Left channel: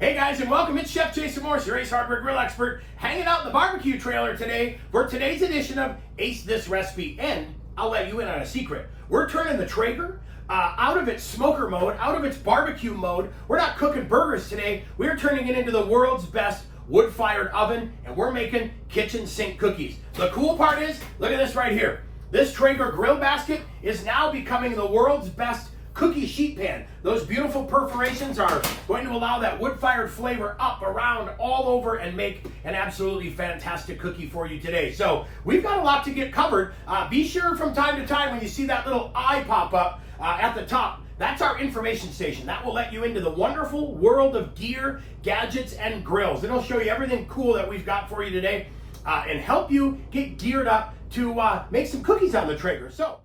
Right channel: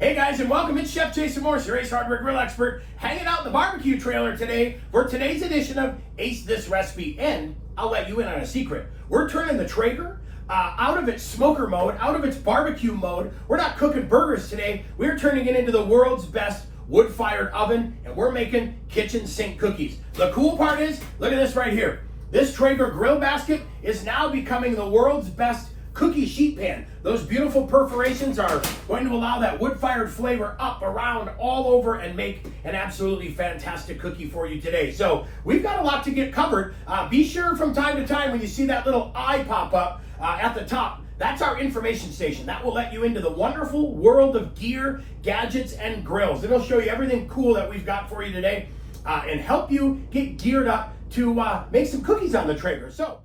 Hey guys, and welcome. It's Chef Jason Morse, your Ace Hardware Grill expert, hanging out in the barbecue trailer today for today's edition of Ace This Recipe. And I'll let you in on a secret. We're turning the Traeger out of its smoker mode, out of its barbecue mode. We're not cooking burgers today. We're turning it into the world's best wood-fired oven, and we're making kitchen sink cookies. The cool part is, look at this right here. This Traeger grill basket is now becoming the world's best cookie sheet pan. Those beautiful perforations are going to allow that wood-fired flavor up, around, all over, and make an absolutely fantastic cookie for you today. So we've got a lot to get covered. Be sure from time to time when you see that little eye pop up at the top, that's our information station. That will let you into the wonderful world of gear, gadgets, and grills. It'll show you everything cool that we've got for you today and help you get geared up to make some cookies on the Traeger. So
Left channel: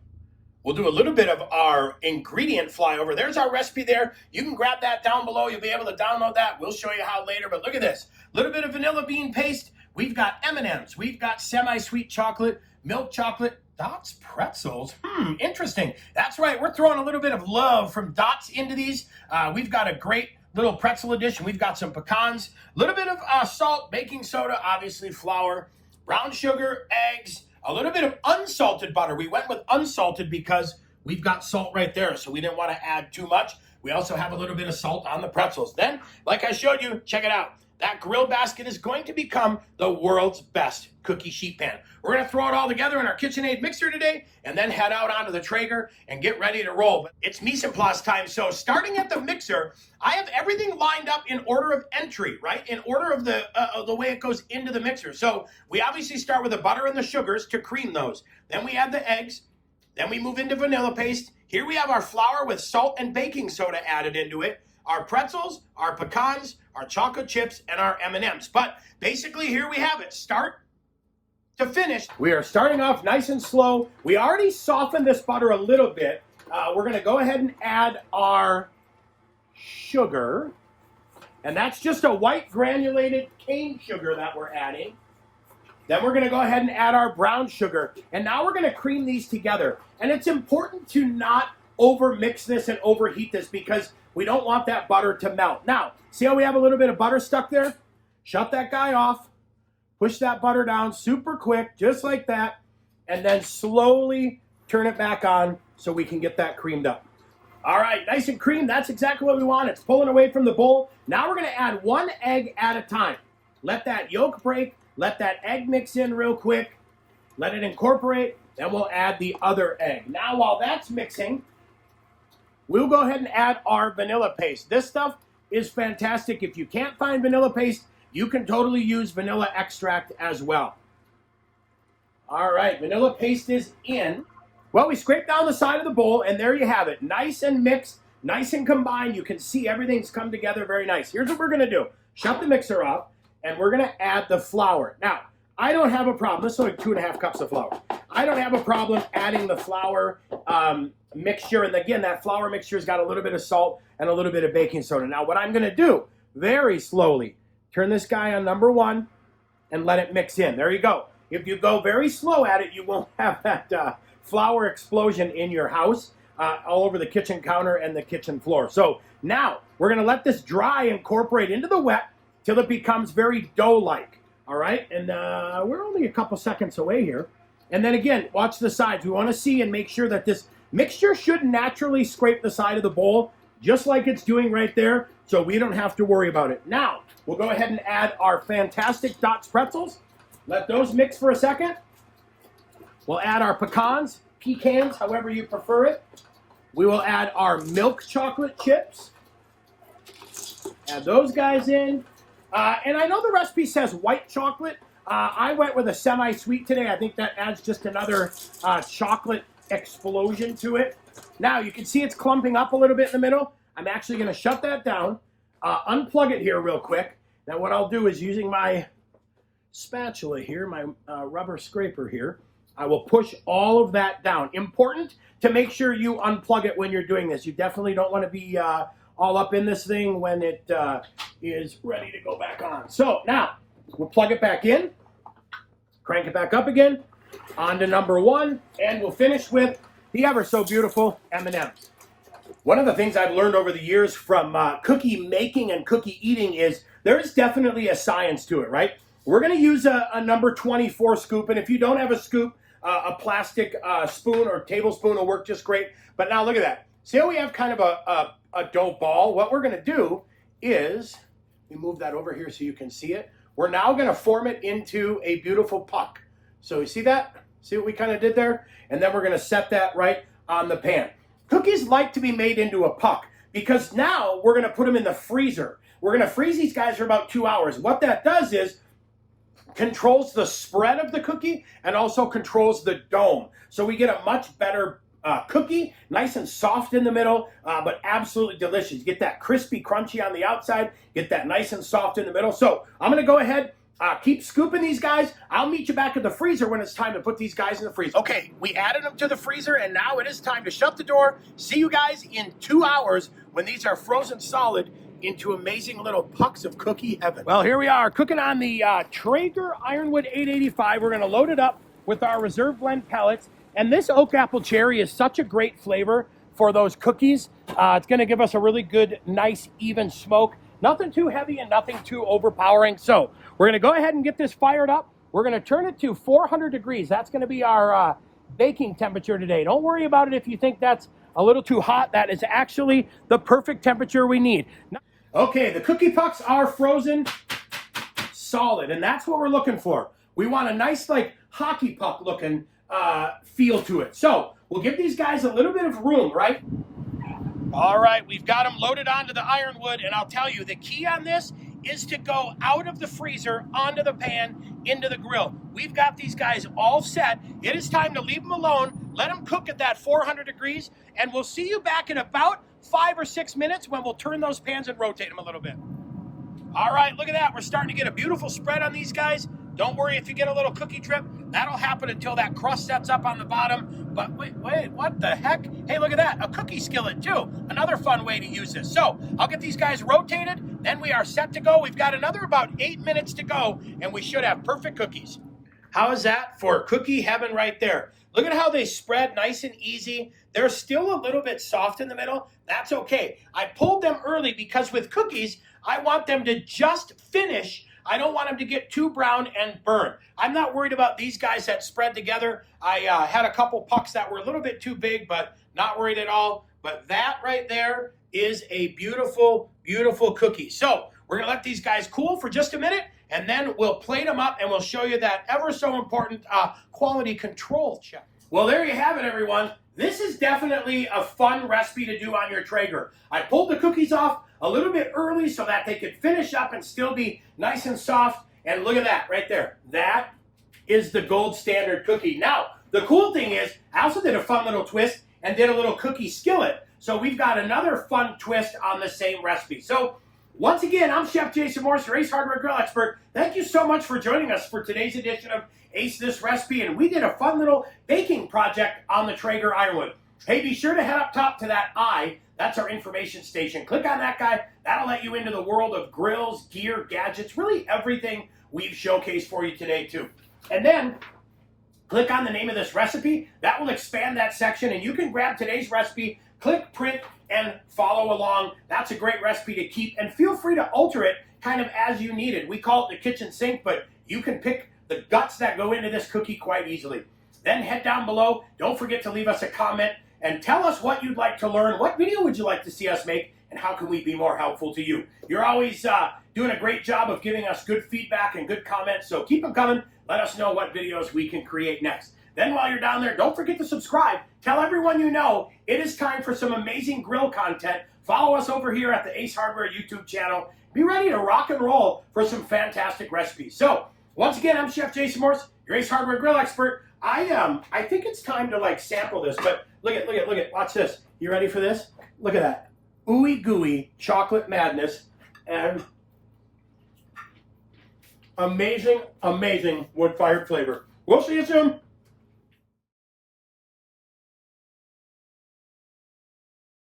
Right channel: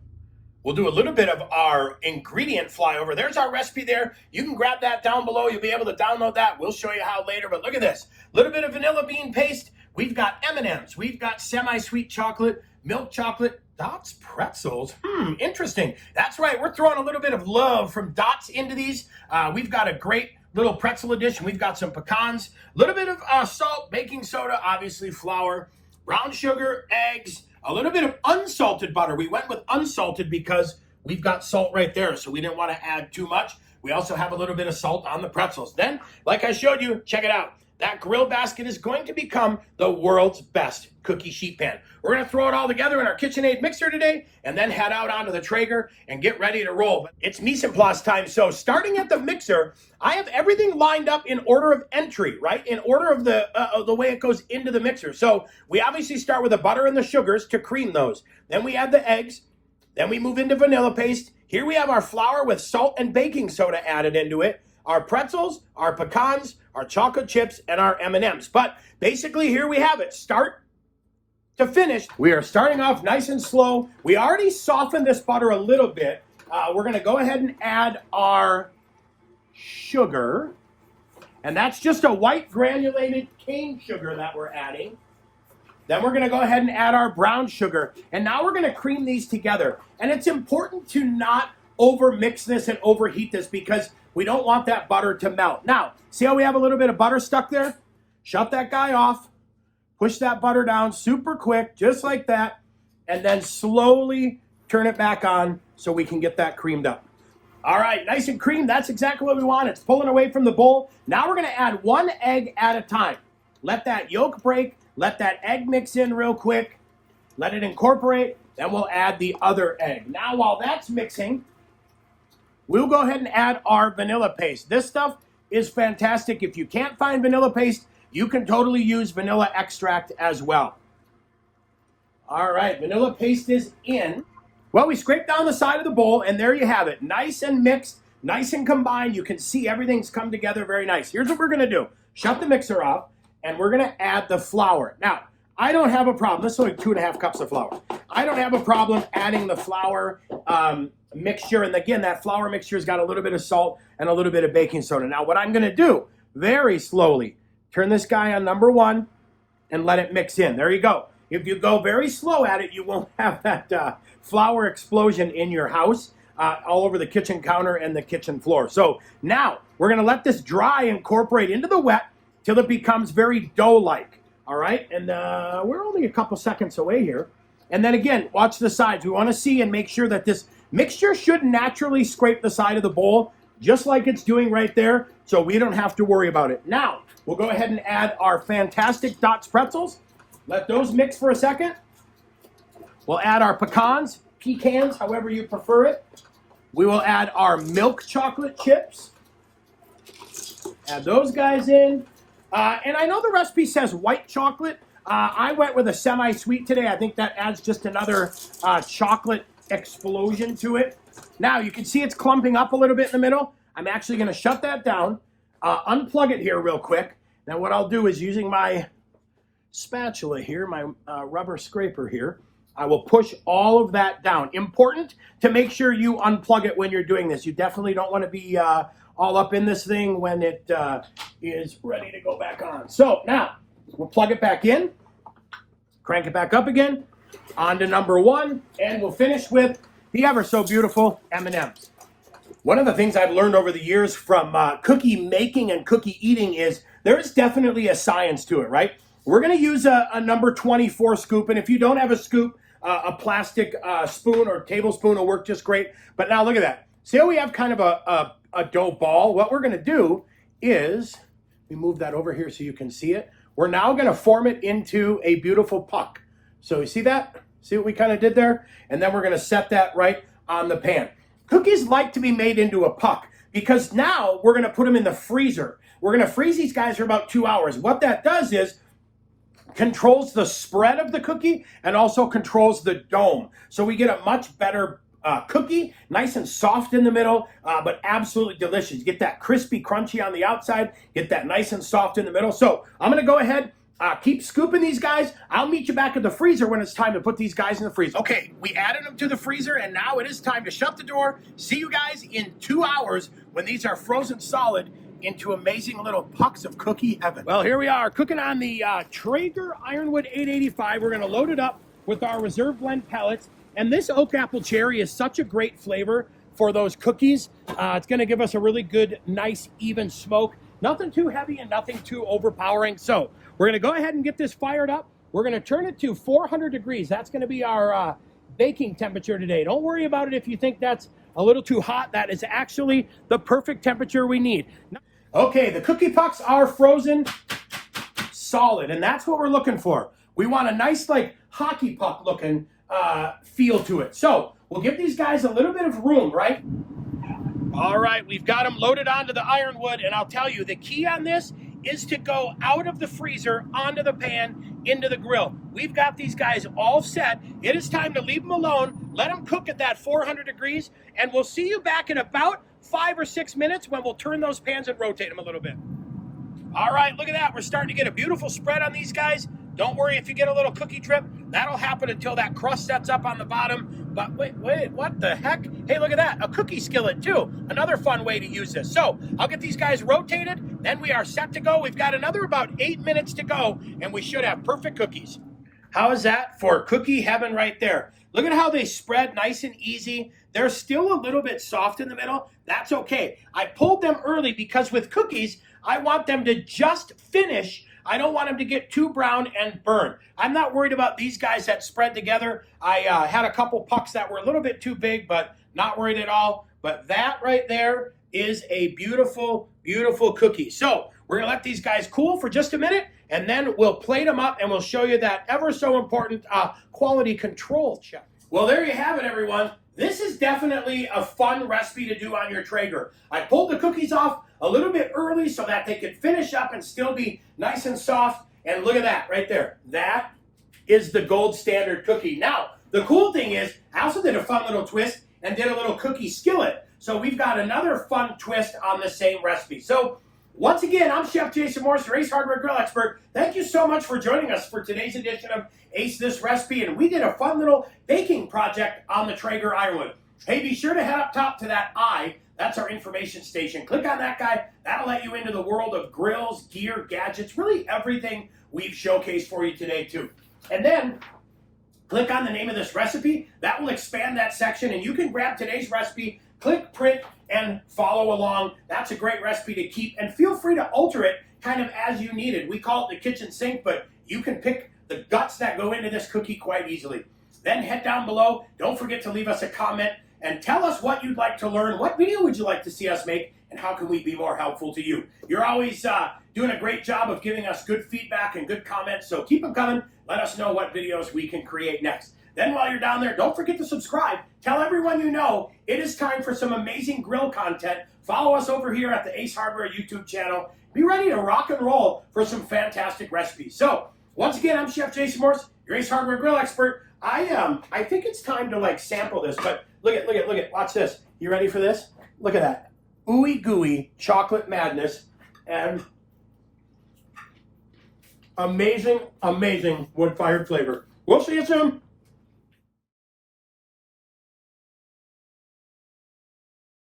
we'll do a little bit of our ingredient flyover. There's our recipe there. You can grab that down below. You'll be able to download that. We'll show you how later, but look at this. A little bit of vanilla bean paste. We've got M&Ms. We've got semi-sweet chocolate, milk chocolate, Dots pretzels. Interesting. That's right. We're throwing a little bit of love from Dots into these. We've got a great little pretzel edition. We've got some pecans, a little bit of salt, baking soda, obviously flour, brown sugar, eggs, a little bit of unsalted butter. We went with unsalted because we've got salt right there, so we didn't want to add too much. We also have a little bit of salt on the pretzels. Then, like I showed you, check it out. That grill basket is going to become the world's best cookie sheet pan. We're going to throw it all together in our KitchenAid mixer today and then head out onto the Traeger and get ready to roll. But it's mise en place time. So starting at the mixer, I have everything lined up in order of entry, right? In order of the way it goes into the mixer. So we obviously start with the butter and the sugars to cream those. Then we add the eggs. Then we move into vanilla paste. Here we have our flour with salt and baking soda added into it. Our pretzels, our pecans, our chocolate chips, and our M&Ms. But basically, here we have it. Start to finish. We are starting off nice and slow. We already softened this butter a little bit. We're going to go ahead and add our sugar. And that's just a white granulated cane sugar that we're adding. Then we're going to go ahead and add our brown sugar. And now we're going to cream these together. And it's important to not over-mix this and overheat this because we don't want that butter to melt. Now, see how we have a little bit of butter stuck there? Shut that guy off. Push that butter down super quick, just like that. And then slowly turn it back on so we can get that creamed up. All right, nice and creamed. That's exactly what we want. It's pulling away from the bowl. Now we're going to add one egg at a time. Let that yolk break. Let that egg mix in real quick. Let it incorporate. Then we'll add the other egg. Now, while that's mixing, we'll go ahead and add our vanilla paste. This stuff is fantastic. If you can't find vanilla paste, you can totally use vanilla extract as well. All right, vanilla paste is in. Well, we scrape down the side of the bowl, and there you have it. Nice and mixed, nice and combined. You can see everything's come together very nice. Here's what we're going to do. Shut the mixer off, and we're going to add the flour. Now, I don't have a problem. This is only 2.5 cups of flour. I don't have a problem adding the flour mixture. And again, that flour mixture's got a little bit of salt and a little bit of baking soda. Now, what I'm going to do, very slowly, turn this guy on number 1 and let it mix in. There you go. If you go very slow at it, you won't have that flour explosion in your house all over the kitchen counter and the kitchen floor. So now we're going to let this dry, incorporate into the wet till it becomes very dough-like. All right, and we're only a couple seconds away here. And then again, watch the sides. We want to see and make sure that this mixture should naturally scrape the side of the bowl, just like it's doing right there, so we don't have to worry about it. Now, we'll go ahead and add our fantastic Dots pretzels. Let those mix for a second. We'll add our pecans, however you prefer it. We will add our milk chocolate chips. Add those guys in. And I know the recipe says white chocolate. I went with a semi-sweet today. I think that adds just another chocolate explosion to it. Now, you can see it's clumping up a little bit in the middle. I'm actually going to shut that down, unplug it here real quick. Now, what I'll do is using my spatula here, my rubber scraper here, I will push all of that down. Important to make sure you unplug it when you're doing this. You definitely don't want to be all up in this thing when it is ready to go back on. So now we'll plug it back in, crank it back up again, on to number 1, and we'll finish with the ever so beautiful M&Ms. One of the things I've learned over the years from cookie making and cookie eating is there is definitely a science to it, right? We're going to use a number 24 scoop, and if you don't have a scoop, a plastic spoon or tablespoon will work just great. But now look at that. See how we have kind of a dough ball? What we're going to do is, we move that over here so you can see it. We're now going to form it into a beautiful puck. So you see that? See what we kind of did there? And then we're going to set that right on the pan. Cookies like to be made into a puck because now we're going to put them in the freezer. We're going to freeze these guys for about 2 hours. What that does is controls the spread of the cookie and also controls the dome. So we get a much better cookie, nice and soft in the middle, but absolutely delicious. Get that crispy, crunchy on the outside, get that nice and soft in the middle. So I'm going to go ahead, keep scooping these guys. I'll meet you back at the freezer when it's time to put these guys in the freezer. Okay, we added them to the freezer, and now it is time to shut the door. See you guys in 2 hours when these are frozen solid into amazing little pucks of cookie heaven. Well, here we are cooking on the Traeger Ironwood 885. We're going to load it up with our reserve blend pellets. And this oak apple cherry is such a great flavor for those cookies. It's going to give us a really good, nice, even smoke. Nothing too heavy and nothing too overpowering. So we're going to go ahead and get this fired up. We're going to turn it to 400 degrees. That's going to be our baking temperature today. Don't worry about it if you think that's a little too hot. That is actually the perfect temperature we need. Okay, the cookie pucks are frozen solid, and that's what we're looking for. We want a nice, like, hockey puck looking feel to it. So we'll give these guys a little bit of room, right? All right, we've got them loaded onto the Ironwood, and I'll tell you, the key on this is to go out of the freezer, onto the pan, into the grill. We've got these guys all set. It is time to leave them alone, let them cook at that 400 degrees, and we'll see you back in about 5 or 6 minutes when we'll turn those pans and rotate them a little bit. All right, look at that. We're starting to get a beautiful spread on these guys. Don't worry if you get a little cookie drip. That'll happen until that crust sets up on the bottom. But wait, what the heck? Hey, look at that, a cookie skillet too. Another fun way to use this. So I'll get these guys rotated, then we are set to go. We've got another about 8 minutes to go, and we should have perfect cookies. How is that for cookie heaven right there? Look at how they spread nice and easy. They're still a little bit soft in the middle. That's okay. I pulled them early because with cookies, I want them to just finish. I don't want them to get too brown and burn. I'm not worried about these guys that spread together. I had a couple pucks that were a little bit too big, but not worried at all. But that right there is a beautiful, beautiful cookie. So we're going to let these guys cool for just a minute, and then we'll plate them up, and we'll show you that ever so important quality control check. Well, there you have it, everyone. This is definitely a fun recipe to do on your Traeger. I pulled the cookies off a little bit early so that they could finish up and still be nice and soft. And look at that right there. That is the gold standard cookie. Now, the cool thing is, I also did a fun little twist and did a little cookie skillet. So we've got another fun twist on the same recipe. So once again, I'm Chef Jason Morse, your Ace Hardware Grill expert. Thank you so much for joining us for today's edition of Ace This Recipe. And we did a fun little baking project on the Traeger Ironwood. Hey, be sure to head up top to that I. That's our information station. Click on that guy. That'll let you into the world of grills, gear, gadgets, really everything we've showcased for you today, too. And then click on the name of this recipe. That will expand that section, and you can grab today's recipe, click print, and follow along. That's a great recipe to keep, and feel free to alter it kind of as you need it. We call it the kitchen sink, but you can pick the guts that go into this cookie quite easily. Then head down below. Don't forget to leave us a comment and tell us what you'd like to learn. What video would you like to see us make, and how can we be more helpful to you? You're always doing a great job of giving us good feedback and good comments, so keep them coming. Let us know what videos we can create next. Then while you're down there, don't forget to subscribe. Tell everyone you know it is time for some amazing grill content. Follow us over here at the Ace Hardware YouTube channel. Be ready to rock and roll for some fantastic recipes. So, once again, I'm Chef Jason Morse, your Ace Hardware Grill expert. I think it's time to like sample this, but look at, watch this. You ready for this? Look at that. Ooey gooey chocolate madness and amazing, amazing wood-fired flavor. We'll see you soon.